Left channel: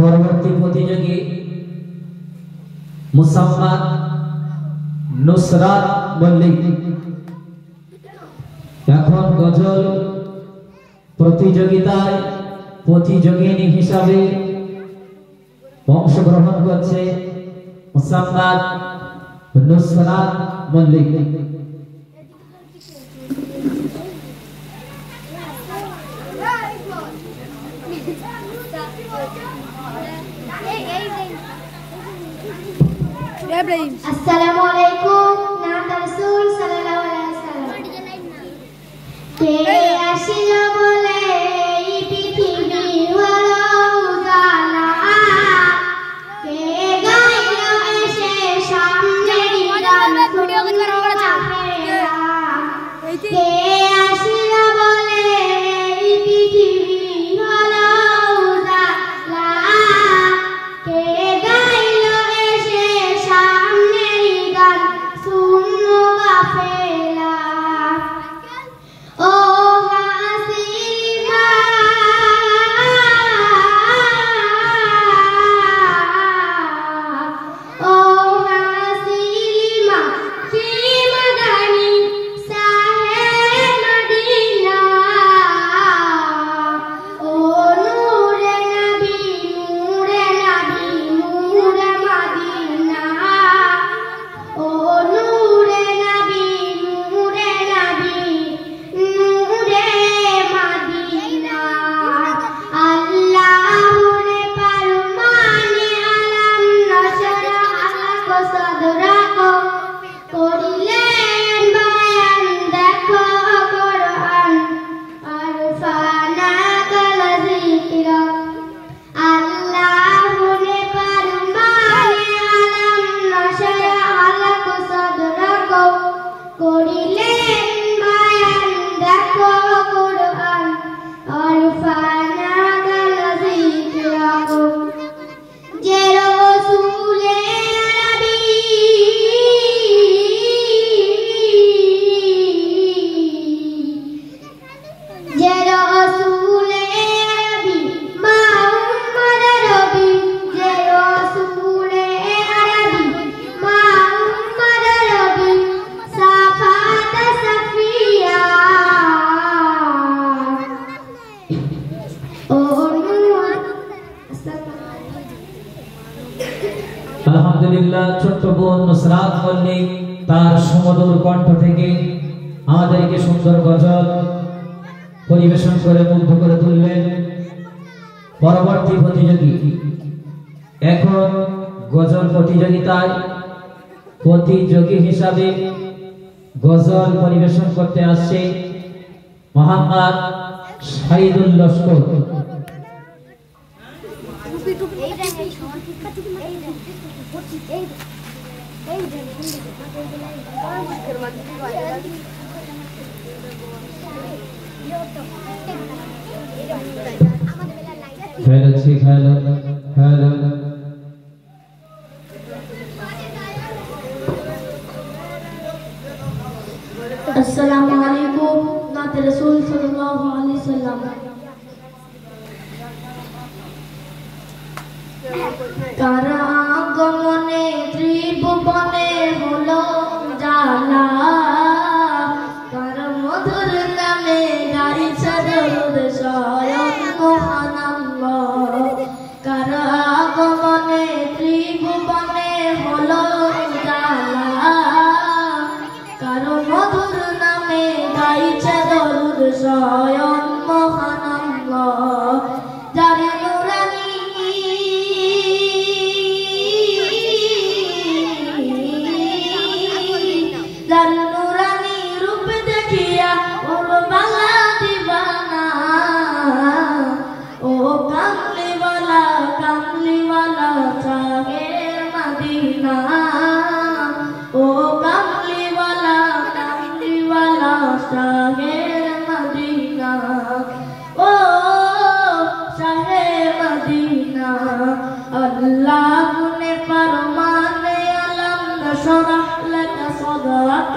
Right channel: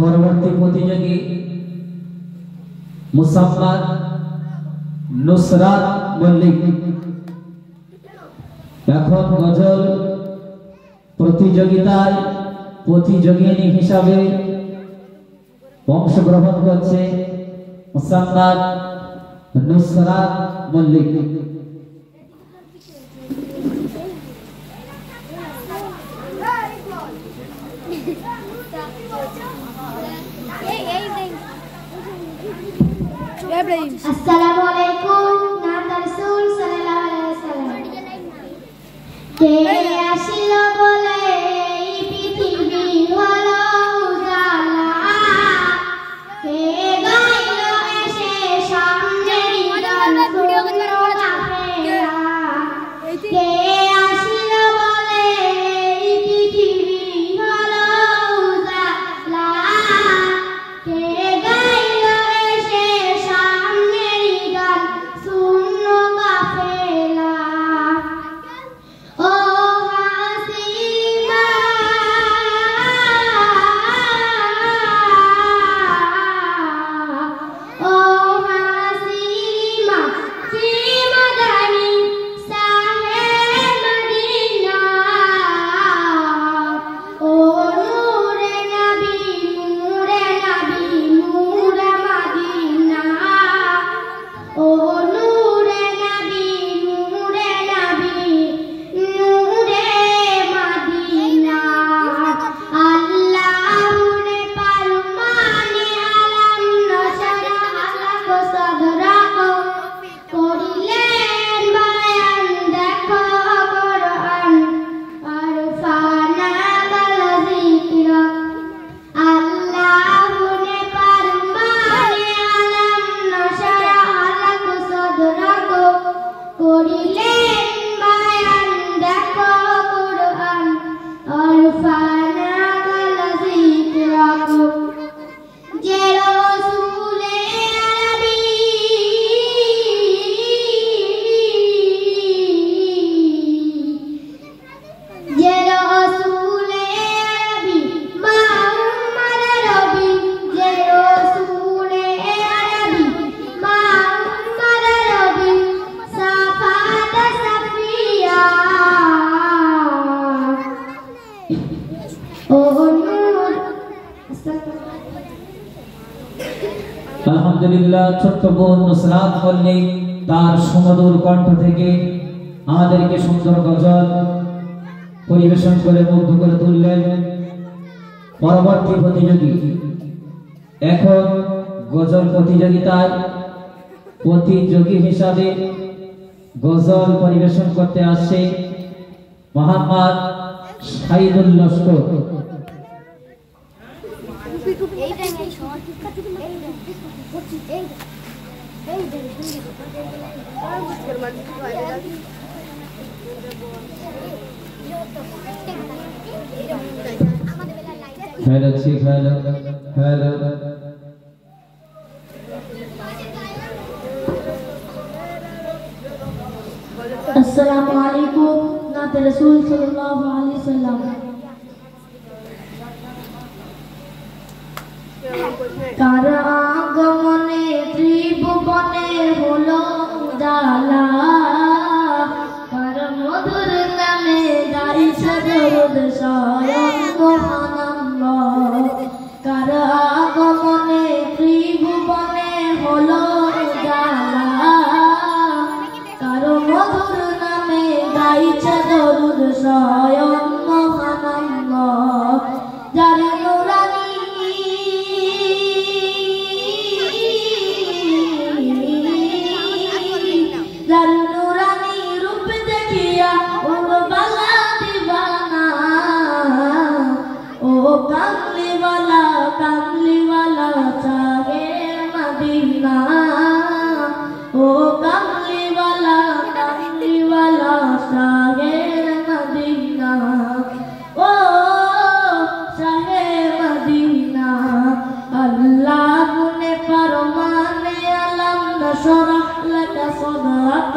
পরবর্তী প্রতিযোগী মুসাম্মাদ নুসরাত মল্লিক এখন গজল প্রতিযোগিতায় প্রতিযোগিনী হিসাবে অংশগ্রহণ করছে Mosammat Nusrat Mallick. Assalamualaikum nabi Rasul sallallahu alaihi wasallam ke ashilo bole prithibi holo ujala ke gailo eshe samneri gan shunno chapela ke ashilo bole prithibi holo ujala ke Alhamdulillah, ছোট্ট বোন নুসরাত মল্লিক তার সুমধুর কণ্ঠ থেকে আমাদেরকে সুন্দর গজল পরিবেশন করে মুগ্ধ করে তুলবেন। পরবর্তী প্রতিযোগী এখন গজল প্রতিযোগিতায় প্রতিযোগী হিসাবে গজল পরিবেশন করতে আসছে মোহাম্মদ শাহিদুল লস্কর। अस्सलामु अलैकुम नाते रसूल सल्लल्लाहु अलैहि वसल्लम। কার আগমনে ত্রিভুবনে হলো জালা, কার মধুর নামে গাইছে দরুদ স্বয়ং মহানাল্লাহ। কার আগমনে ত্রিভুবনে হলো জালা, কার মধুর নামে গাইছে দরুদ স্বয়ং মহানাল্লাহ। যার নুরানি রূপ দেখিয়া ওর বালা দিবানা, ও কামলিওয়ালা কামলিওয়ালা চাহে মদিনা, ও কামলিওয়ালা কামলিওয়ালা চাহে মদিনা, ও চাহে মদিনা। আল্লাহ ने फरमाने अलम नशरह लक सदरक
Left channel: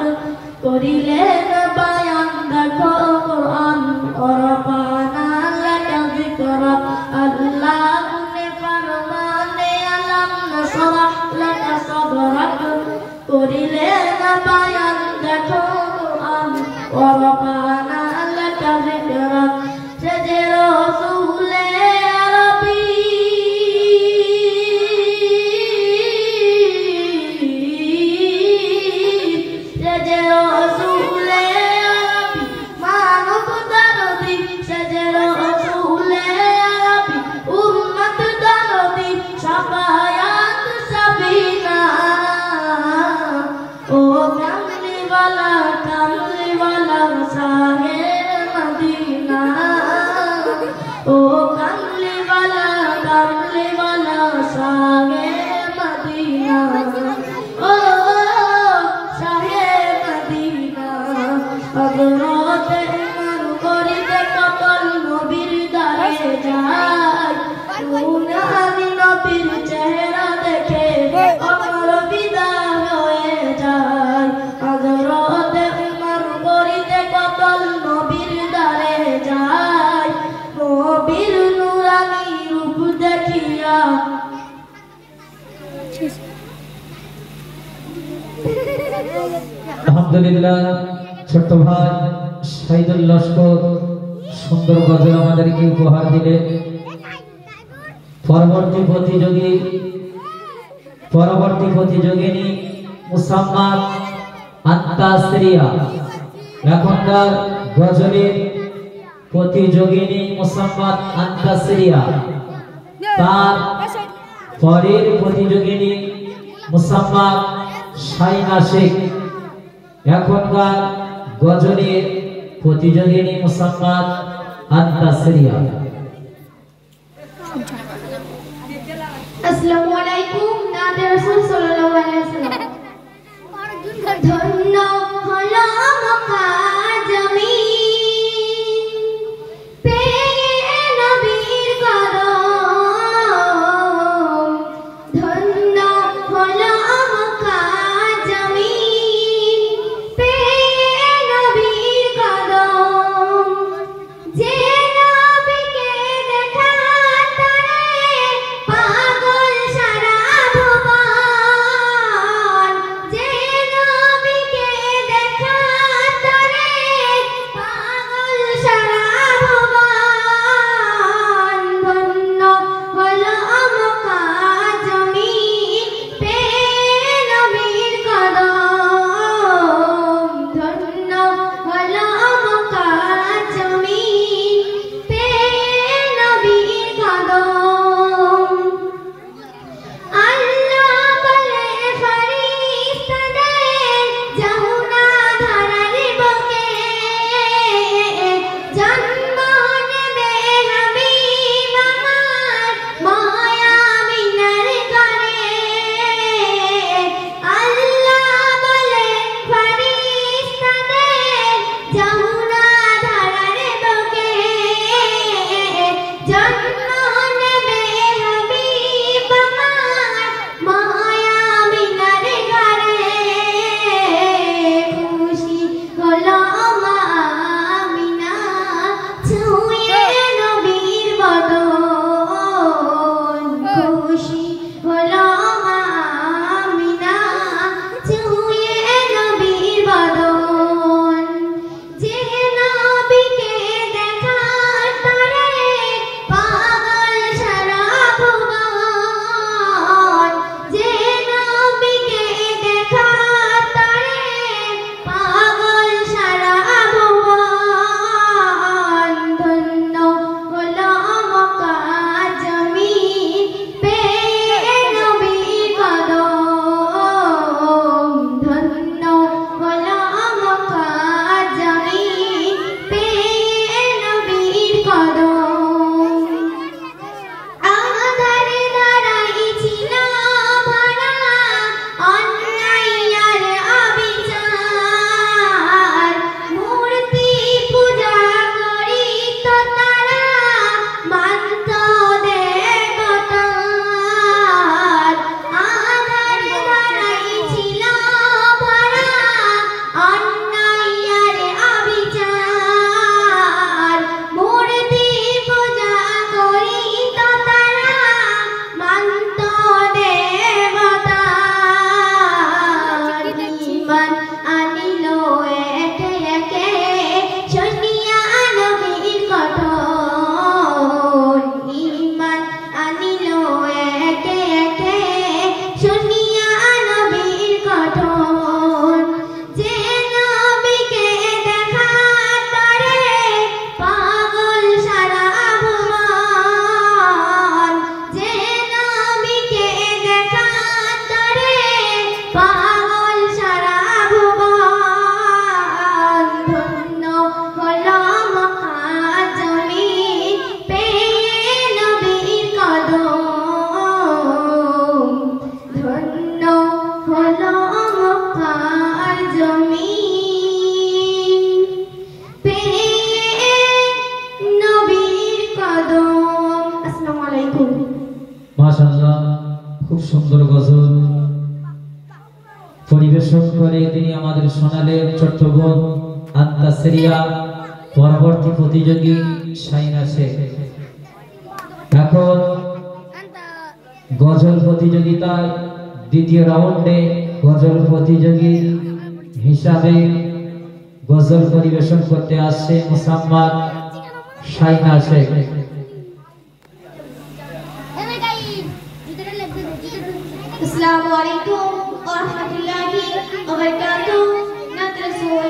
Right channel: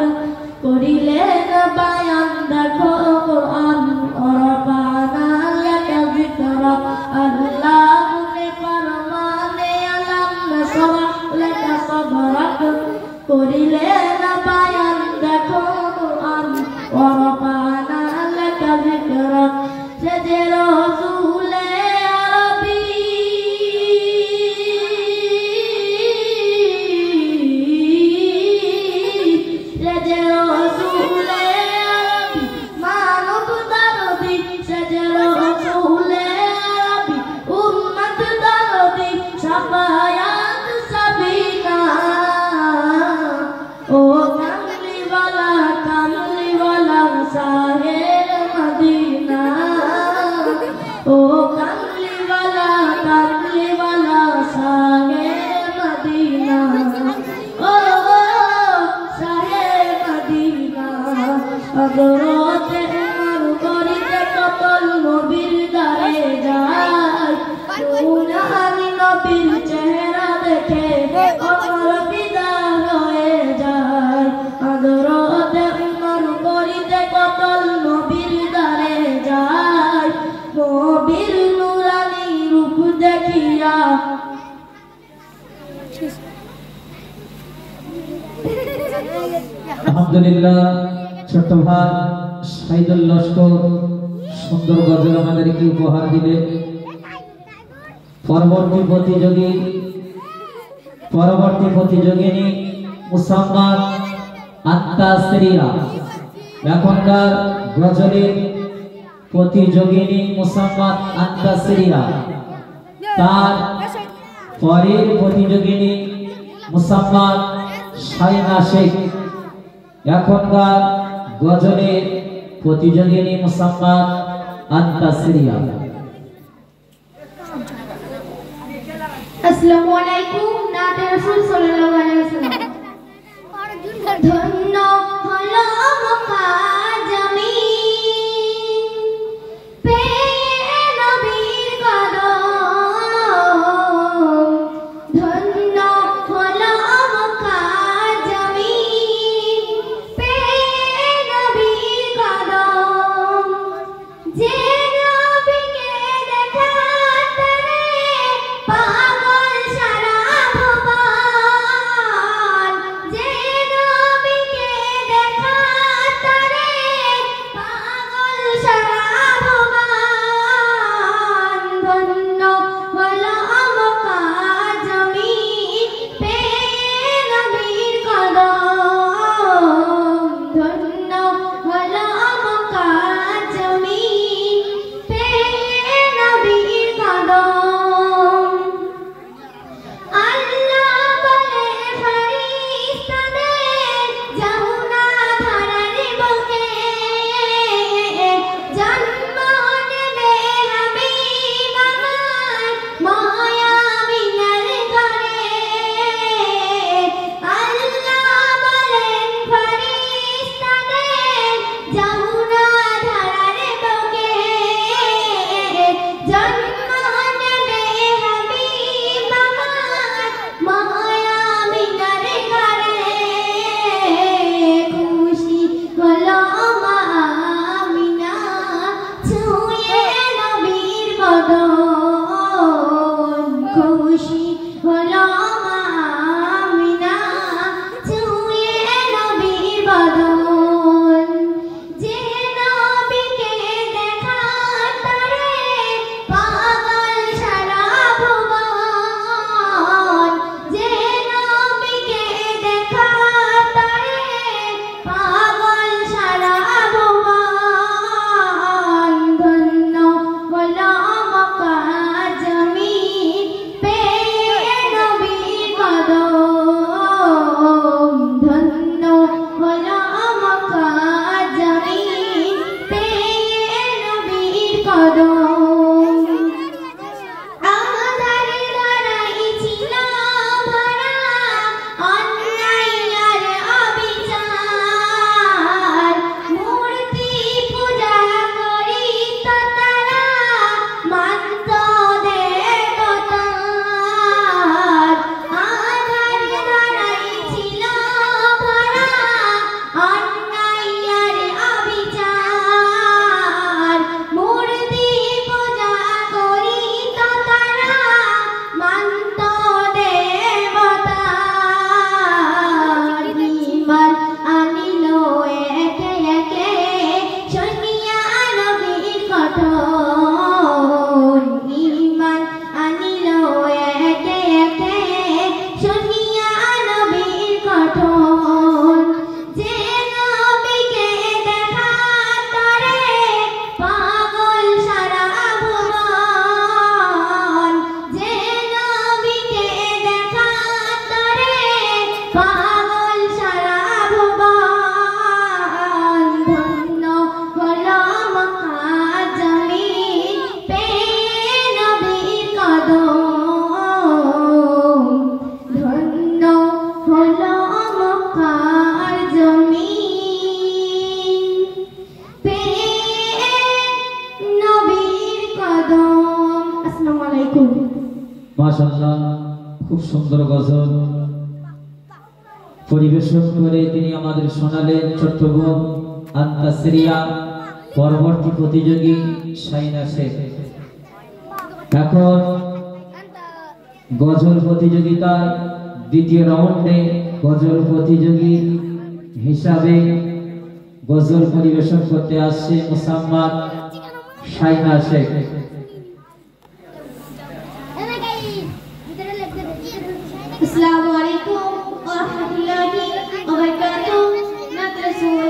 करिले न बयान देखो कुरान और रफाना लक जिक्रक। अल्लाह ने फरमाने अलम नशरह लक सदरक करिले न बयान देखो कुरान और रफाना लक जिक्रक। सजे रसूले अरबी আলহামদুলিল্লাহ ছোট্ট ভাই শাহিদুল লস্কর সুন্দর গজল আমাদেরকে উপহার দিলেন। পরবর্তী প্রতিযোগিনী মুসাম্মাদ আত্তাসরিয়া। এখনকার গজলের প্রতিযোগিনী মুসাম্মাদ আত্তাসরিয়া, তার পরের প্রতিযোগিনী মুসাম্মাদ শাইনা শেখ। এখনকার গজলের প্রতিযোগিনী মুসাম্মাদ আত্তাসরিয়া। আসসালামু আলাইকুম নাতে রাসূল সাল্লাল্লাহু আলাইহি ওয়াসাল্লাম। ধন্য হলো মক্কা জমিন পেয়ে নবীর কদম, ধন্য হলো মক্কা জমিন পেয়ে নবীর কদম। যে নবীকে দেখা তারে পাগল সারা ভুবন, যে নবীকে পাগল সারা ভুবন ধন্য হলো মক্কা জমিন পেয়ে নবীর কদম ধন্য হলো মক্কা জমিন পেয়ে নবীর কদম। আসসালামু আলাইকুম। মাশাআল্লাহ, খুব সুন্দর গজল পরিবেশন করে তিনি আমাদের শোনালেন ছোট্ট বোন আন্তাসরিয়া। পরবর্তী প্রতিযোগী শাইনা শেখ। এখন গজল প্রতিযোগিতার দ্বিতীয় রাউন্ডে গজল প্রতিযোগী হিসাবে গজল পরিবেশন করতে আসছে মুসাম্মাদ শাইনা শেখ। अस्सलामु अलैकुम व रहमतुल्लाहि व बरकातुहू।